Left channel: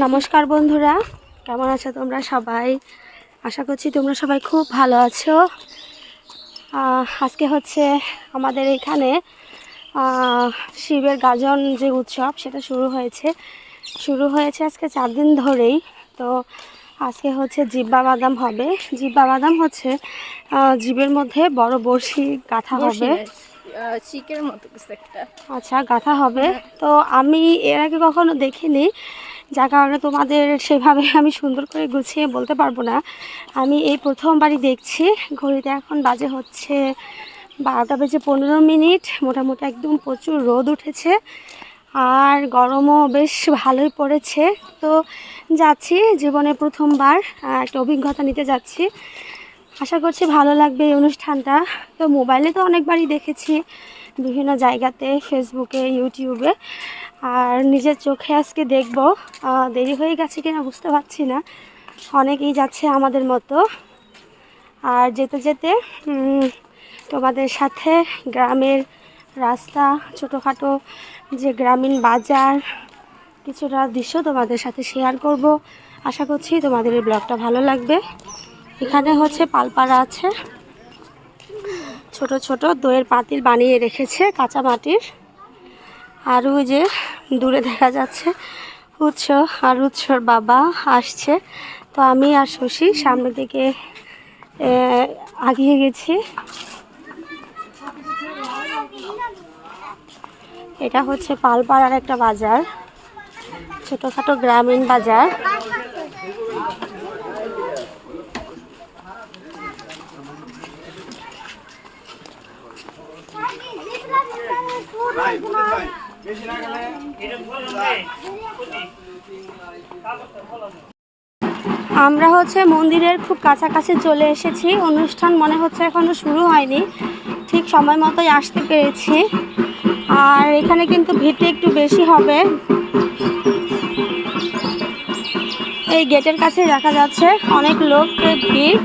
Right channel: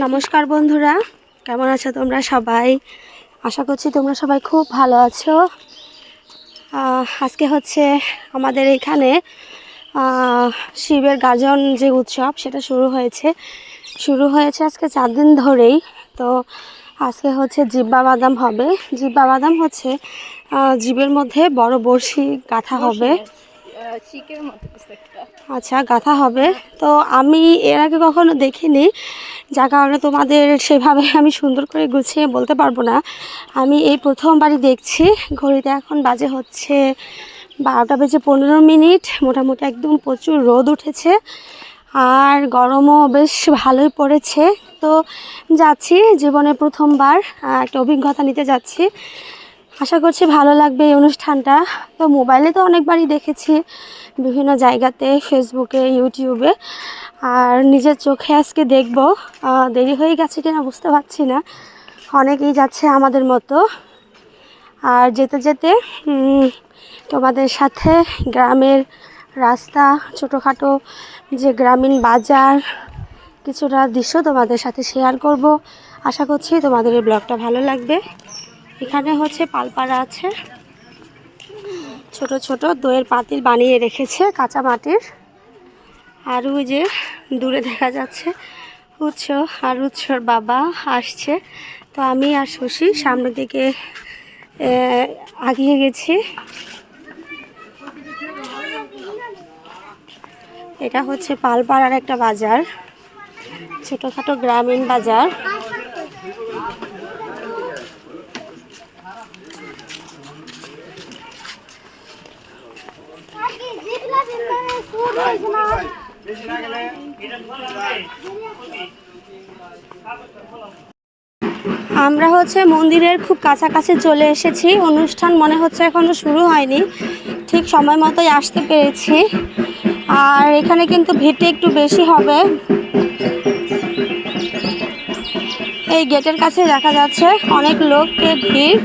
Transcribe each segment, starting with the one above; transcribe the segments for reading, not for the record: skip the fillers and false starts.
নমস্কার বন্ধুরা, কেমন আছো তোমরা সবাই? আশা করছি তোমরা সবাই খুব ভালো আছো। আজকে হচ্ছে আমাদের এখানে শিবের গাজন যে উৎসব সেটা শুরু হয়েছে আজকে 4 দিন ধরেই। তো আজকে হচ্ছে জিব্বা বাদাম হবে। জিব্বা বাদাম হচ্ছে জিবের মধ্যে বড় বড়শি গাঁথা হবে, চিকের মতো একটা। আচ্ছা, গাঁথা হবে। তো আমি এর আগে কখনো দেখিনি, যার কারণে তোমাদের সেভাবে আমি সুন্দর করে গুছিয়ে বলতে পারবো না। আমি এই প্রথমবারই দেখছি। ঘড়িতে এখন বাজে হচ্ছে 12টা বেজে 15 মিনিট। মোটামুটি একদম প্রচুর রোদ উঠেছে আর গরমও বেশ ভালোই পড়েছে। তো যাচ্ছি, জীবনে প্রথমবার একটা অভিজ্ঞতা নিতে যাচ্ছি। আশা করছি ভালো লাগবে এই অনুষ্ঠানটা। তো মোবাইলে তো অনেকবারই দেখেছি, বিভিন্ন জায়গাতে, ফেসবুকে, ইউটিউবে, আর নিজের চোখে আজকে দেখব। দেরি হয়ে গেছে কিনা বুঝতে পারছি না, অনেকেই যাচ্ছে আমাদের মতো। আর যেতে যেতে তোমাদের সাথে গ্রামের রাস্তা, ছোটোখাটো যে গ্রামীণ বাজার, কিছুটা দৃশ্য তোমাদের সাথে শেয়ার করব। আশা করছি তোমাদের এই ব্লগটা ভালো লাগবে। এখানে হচ্ছে পালপাড়া আছে, ছোট ছোট দইয়ের পাতিল বানিয়ে রেখেছে কাঁচা মাটির। আর ওই যে দূরে দেখা যাচ্ছে উৎস, আর উৎসর বাবা আসছে। তো আমি আর শশী সামনের দিকে আগিয়ে গেছি। এটা হচ্ছে পালপাড়ার একটা বাজার, ছোটোখাটো গ্রামীণ বাজার। আমরা হচ্ছে মন্দিরের খুব কাছাকাছি চলে এসেছি। অনুষ্ঠান মনে হচ্ছে এখনো শুরু হয়নি, ঠিক সময় মতোই আসতে পেরেছি। আর এখানে কিন্তু ভিড়টা একটু বেশি হবে। এই গেটের কাছে দেখা যাচ্ছে অনেক লোকের ভিড়।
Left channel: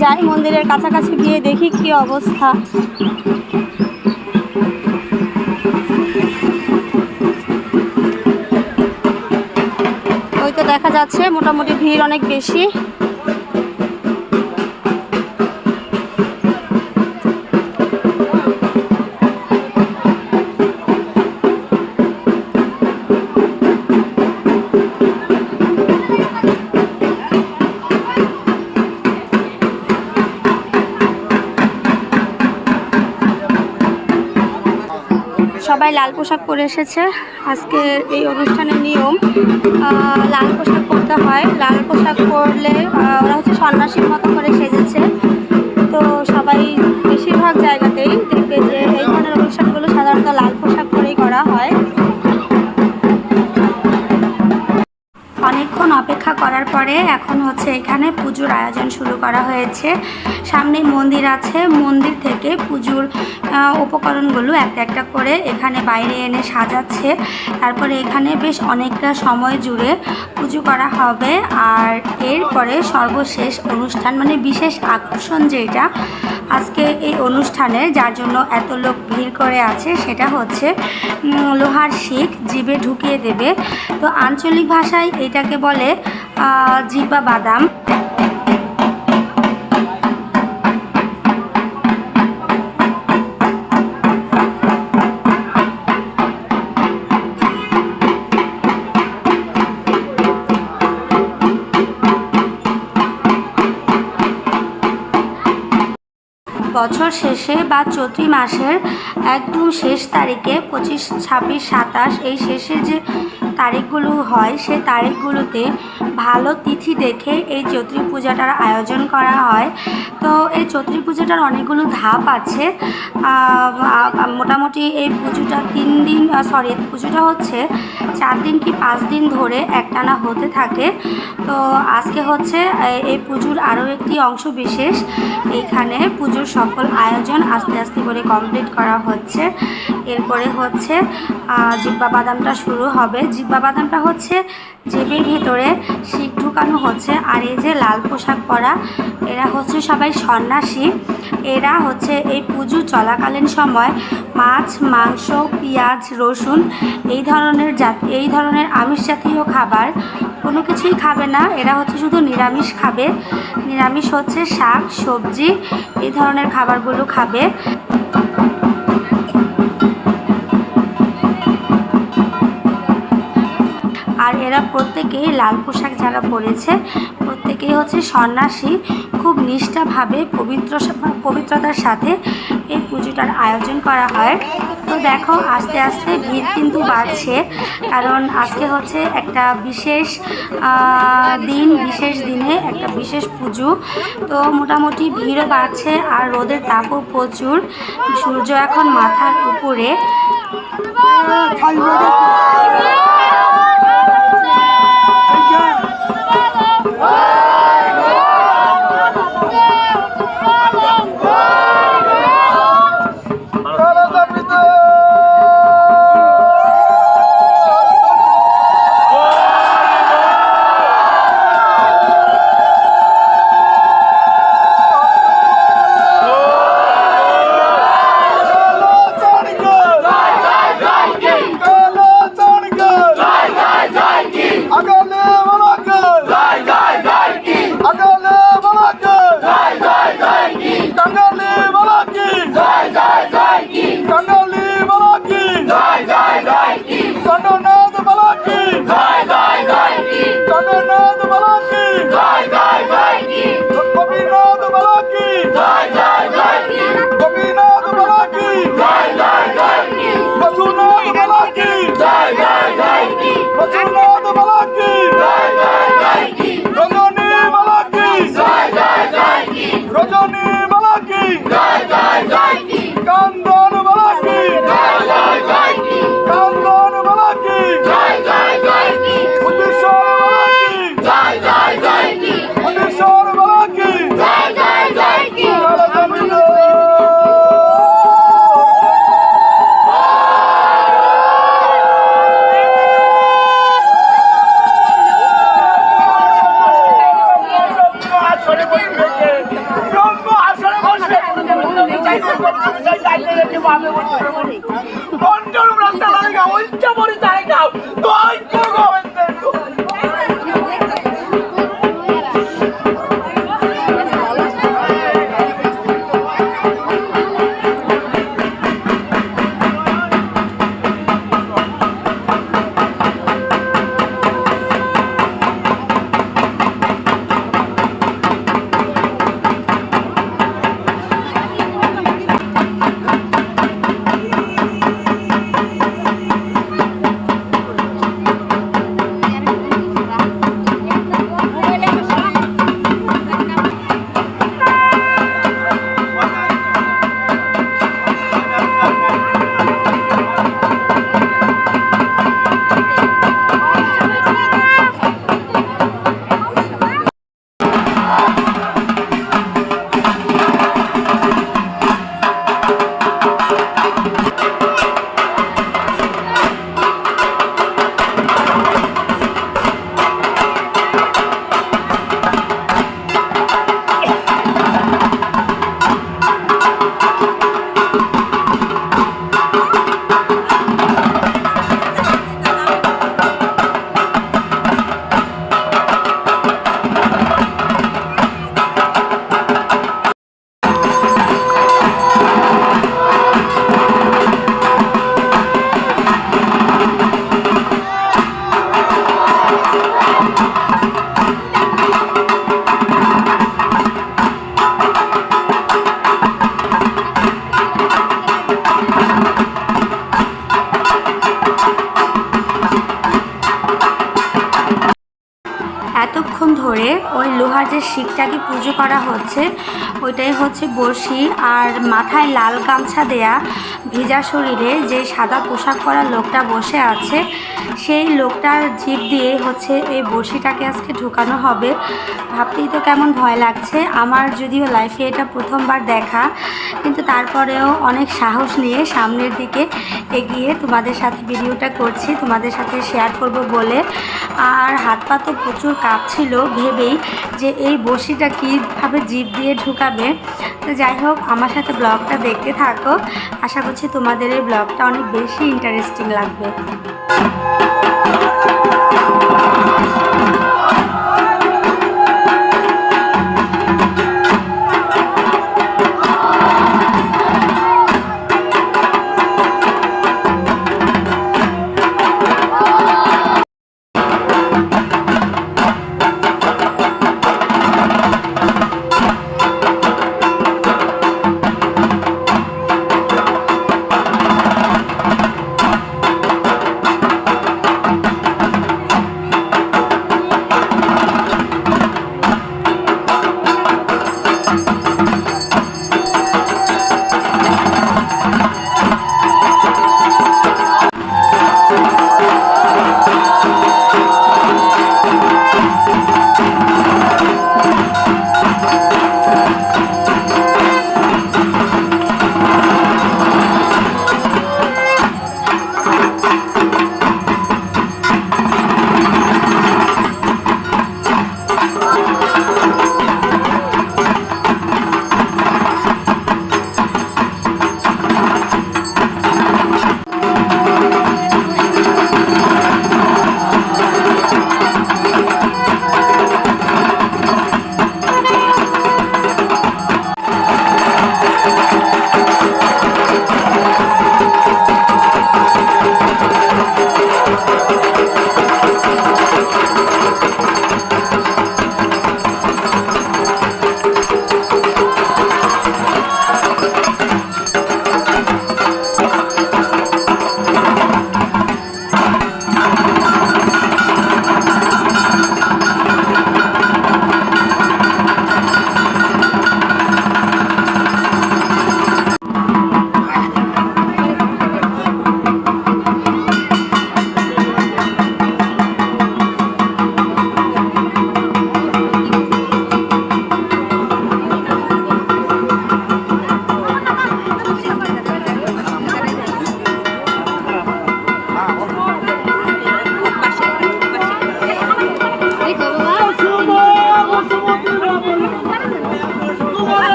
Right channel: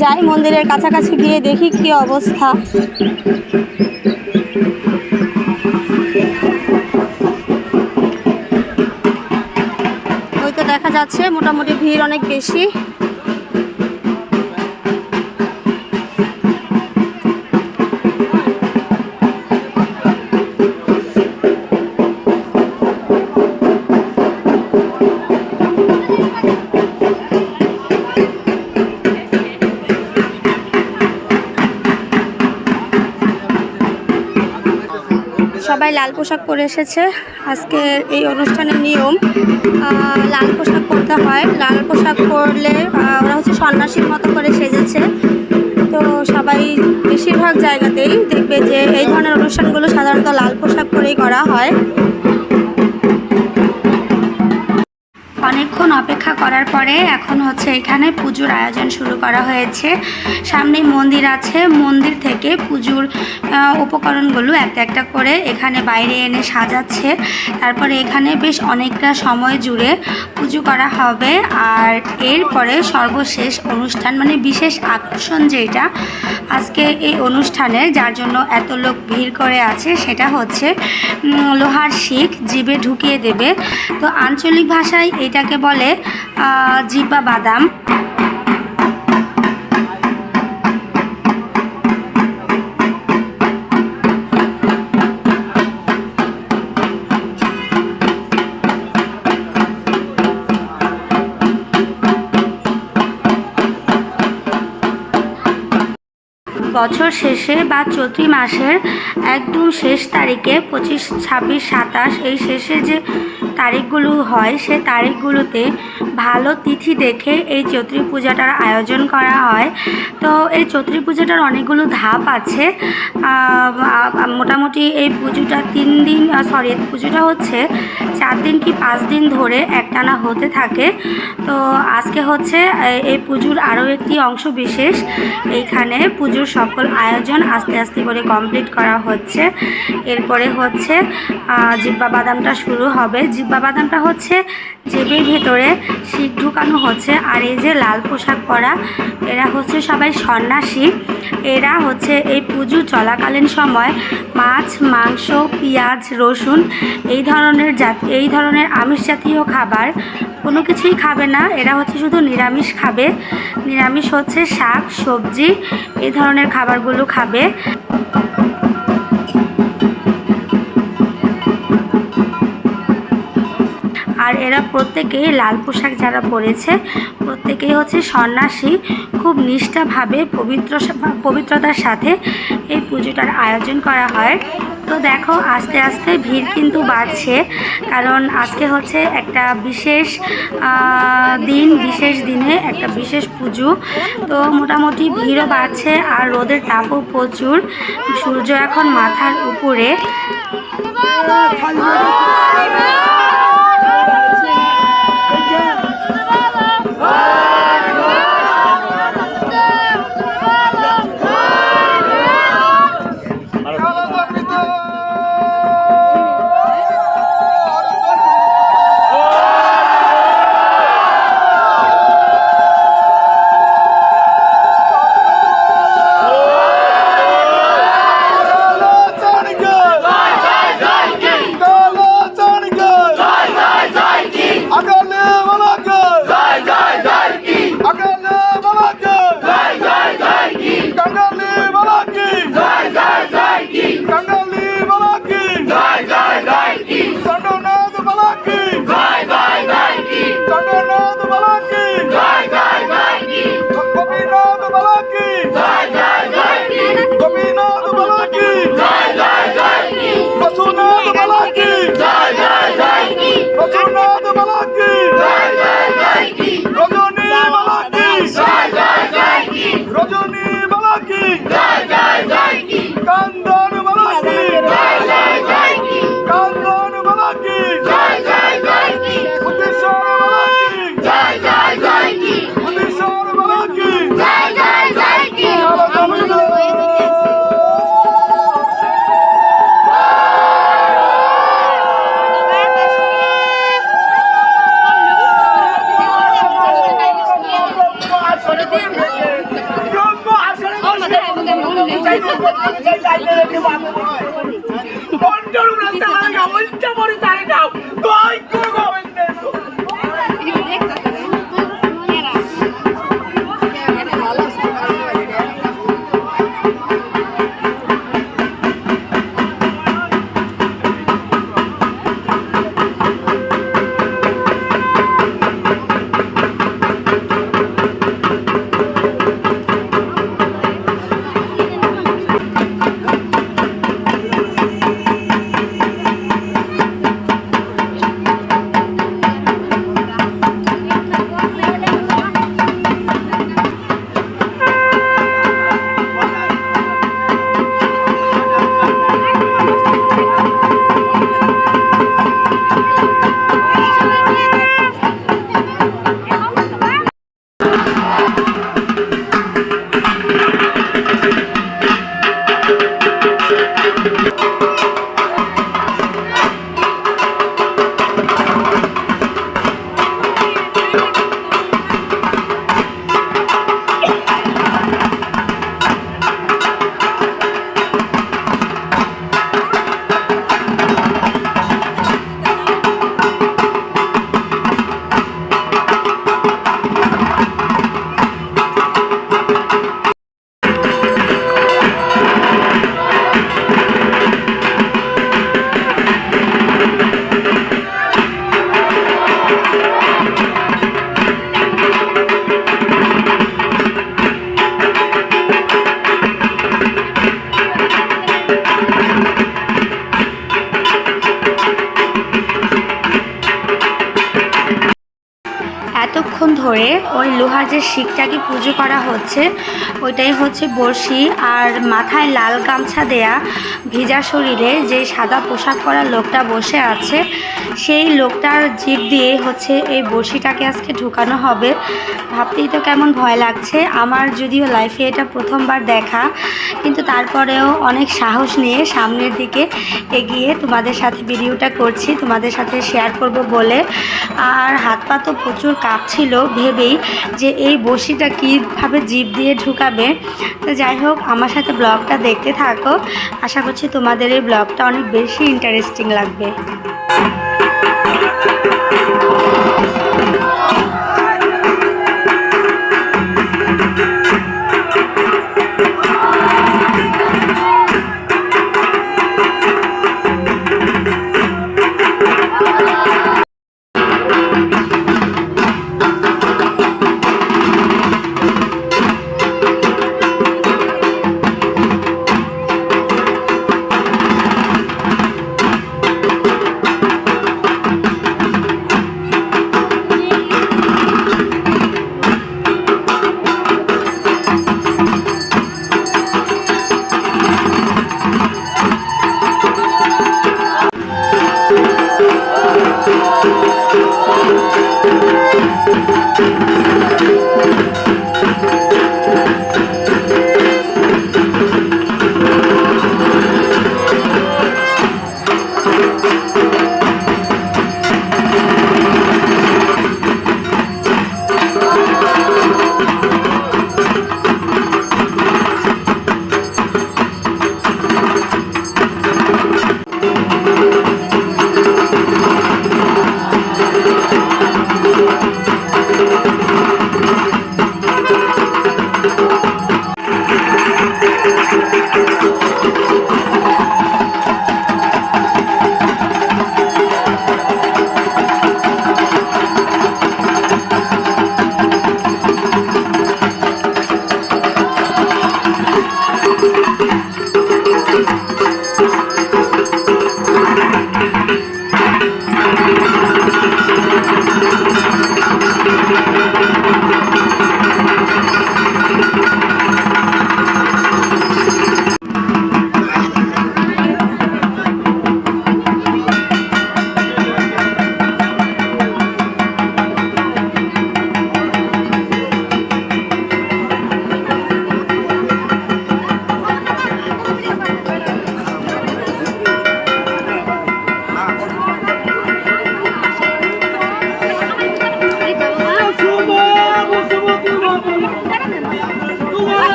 যাই মন্দিরের কাছাকাছি গিয়ে দেখি কি অবস্থা। ওই তো দেখা যাচ্ছে মোটামুটি ভিড় অনেক বেশি। সবাই লাল পোশাক পরে এসেছে। আজকে এই অনুষ্ঠানের নিয়ম, লাল পোশাক পরতে হয়। লাল পোশাক পরলে ওরা হচ্ছে সন্ন্যাসীর মতো করে সেজেছে। তো সবাই বেশিরভাগ জায়গাতেই দেখবে যে এই ধরনের অনুষ্ঠানগুলো সাধারণত লাল পোশাক পরেই করা হয়। অনেকক্ষণ অপেক্ষা করার পরে এখন হচ্ছে এখানে পুজোর আয়োজন শুরু করা হয়েছে। সামনেই মন্দির আছে, মন্দির থেকে পুজোর উপকরণগুলো একটা একটা করে এখানে বাইরে এনে সাজাচ্ছে। তারপরে এখানে বেশ অনেকটা সময় জুড়ে পুজো করা হবে। আর এরপরে সর্বশেষ অনুষ্ঠান, মানে বিশেষ আকর্ষণ যেটা আজকে এই অনুষ্ঠানে, যার জন্য এত লোক ভিড় করে আছে, সেটা হচ্ছে লোহার শিক জিভে ঢুকিয়ে দেবে। তো আঞ্চলিক ভাষায় এটাকে বলে জিব্বা বাদাম। বছর শেষে বা চৈত্র মাসের একদম শেষ তারিখে 25, 26, 27 এই শেষের যে তারিখগুলো হয়, সে তারিখগুলোতে ভালো তিথি দেখে এই চৈত্রী পূজাটার আয়োজন করা হয়। তো এই চৈত্রী পূজাটার অনেকগুলো ধাপ আছে। মোটামুটি এই পুজোটা 3 দিন, পুজোটা হচ্ছে 4 দিন কি 5 দিন ধরে একটানা হতে থাকে। তো আজকে হচ্ছে এই পুজোর আরও একটি অংশ বিশেষ। এইখানে পুজোর সকল আয়োজন আস্তে আস্তে করে কমপ্লিট করা হচ্ছে। এরপরে হচ্ছে জিব্বা বাদামটা শুরু হবে। জিব্বা বাদামটা হচ্ছে জিভের ভিতরে শিক ঢুকানো হচ্ছে। আর এই যে লাল পোশাক পরা এরা হচ্ছে সবাই সন্ন্যাসী। এরা হচ্ছে এই পুজো চলাকালীন সময় মাছ, মাংস, পেঁয়াজ, রসুন এই ধরনের আমিষ জাতীয় খাবার কোনো কিছুই খাবে না। এরা হচ্ছে শুধু নিরামিষ খাবে। নিরামিষ হচ্ছে শাক, সবজি, এই ধরনের খাবারগুলো খাবে। আর এরা প্রত্যেকেই লাল পোশাক যারা পরেছে প্রত্যেকেই হচ্ছে সন্ন্যাসী। খুব নিষ্ঠাভাবে পবিত্রতার সাথে এই পুজোটার আয়োজন করা হয়। তো দেখো আস্তে আস্তে ভিড় কিন্তু বাড়ছে, কারণ আজকে হচ্ছে একটা বিশেষ দিনে একটা বিশেষ পুজো। তো মোটামুটি ভিড়ও বাড়ছে আর রোদের তাপও প্রচুর। সূর্য এখন মাথার উপরে। ধরে ওই লোহার যে শিকটাকে পুজো করা হচ্ছে ওইটাই হচ্ছে বড়শি। আর মাথায় লাল গামছা দেয়া, ভেজা শরীরে যে সাদা পোশাক পরা লোকটা বসে আছে সেই লোকটার জিভ দিয়ে হচ্ছে এই বড়শিটাকে আজকে ঢুকানো হবে। ভাবতেই তো কেমন ভয় লাগছে। আমার যদিও লাইফে এটা প্রথমবার দেখা, কিন্তু তারপরেও অনেক সাহস নিয়ে সামনের দিকে এগিয়ে তোমাদের সাথে ভিডিওটা করছি, তোমাদের সাথে শেয়ার করব বলে। আর হাত পা তো প্রচুর কাঁপছিল ভেবেই যে এই বড়শিটা কীভাবে জিভ দিয়ে ঢুকাবে। তো যাই হোক, আমার সাথে ব্লগটা দেখতে থাকো, আশা করছি তোমাদের এই ব্লগটা অনেক বেশি ইন্টারেস্টিং লাগবে।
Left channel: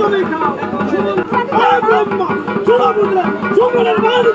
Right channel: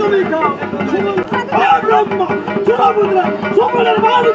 তুমি খাও ব্রহ্মা সুরমুদ্রা সুমনের বাড়ি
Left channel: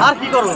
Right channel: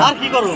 আর কি করো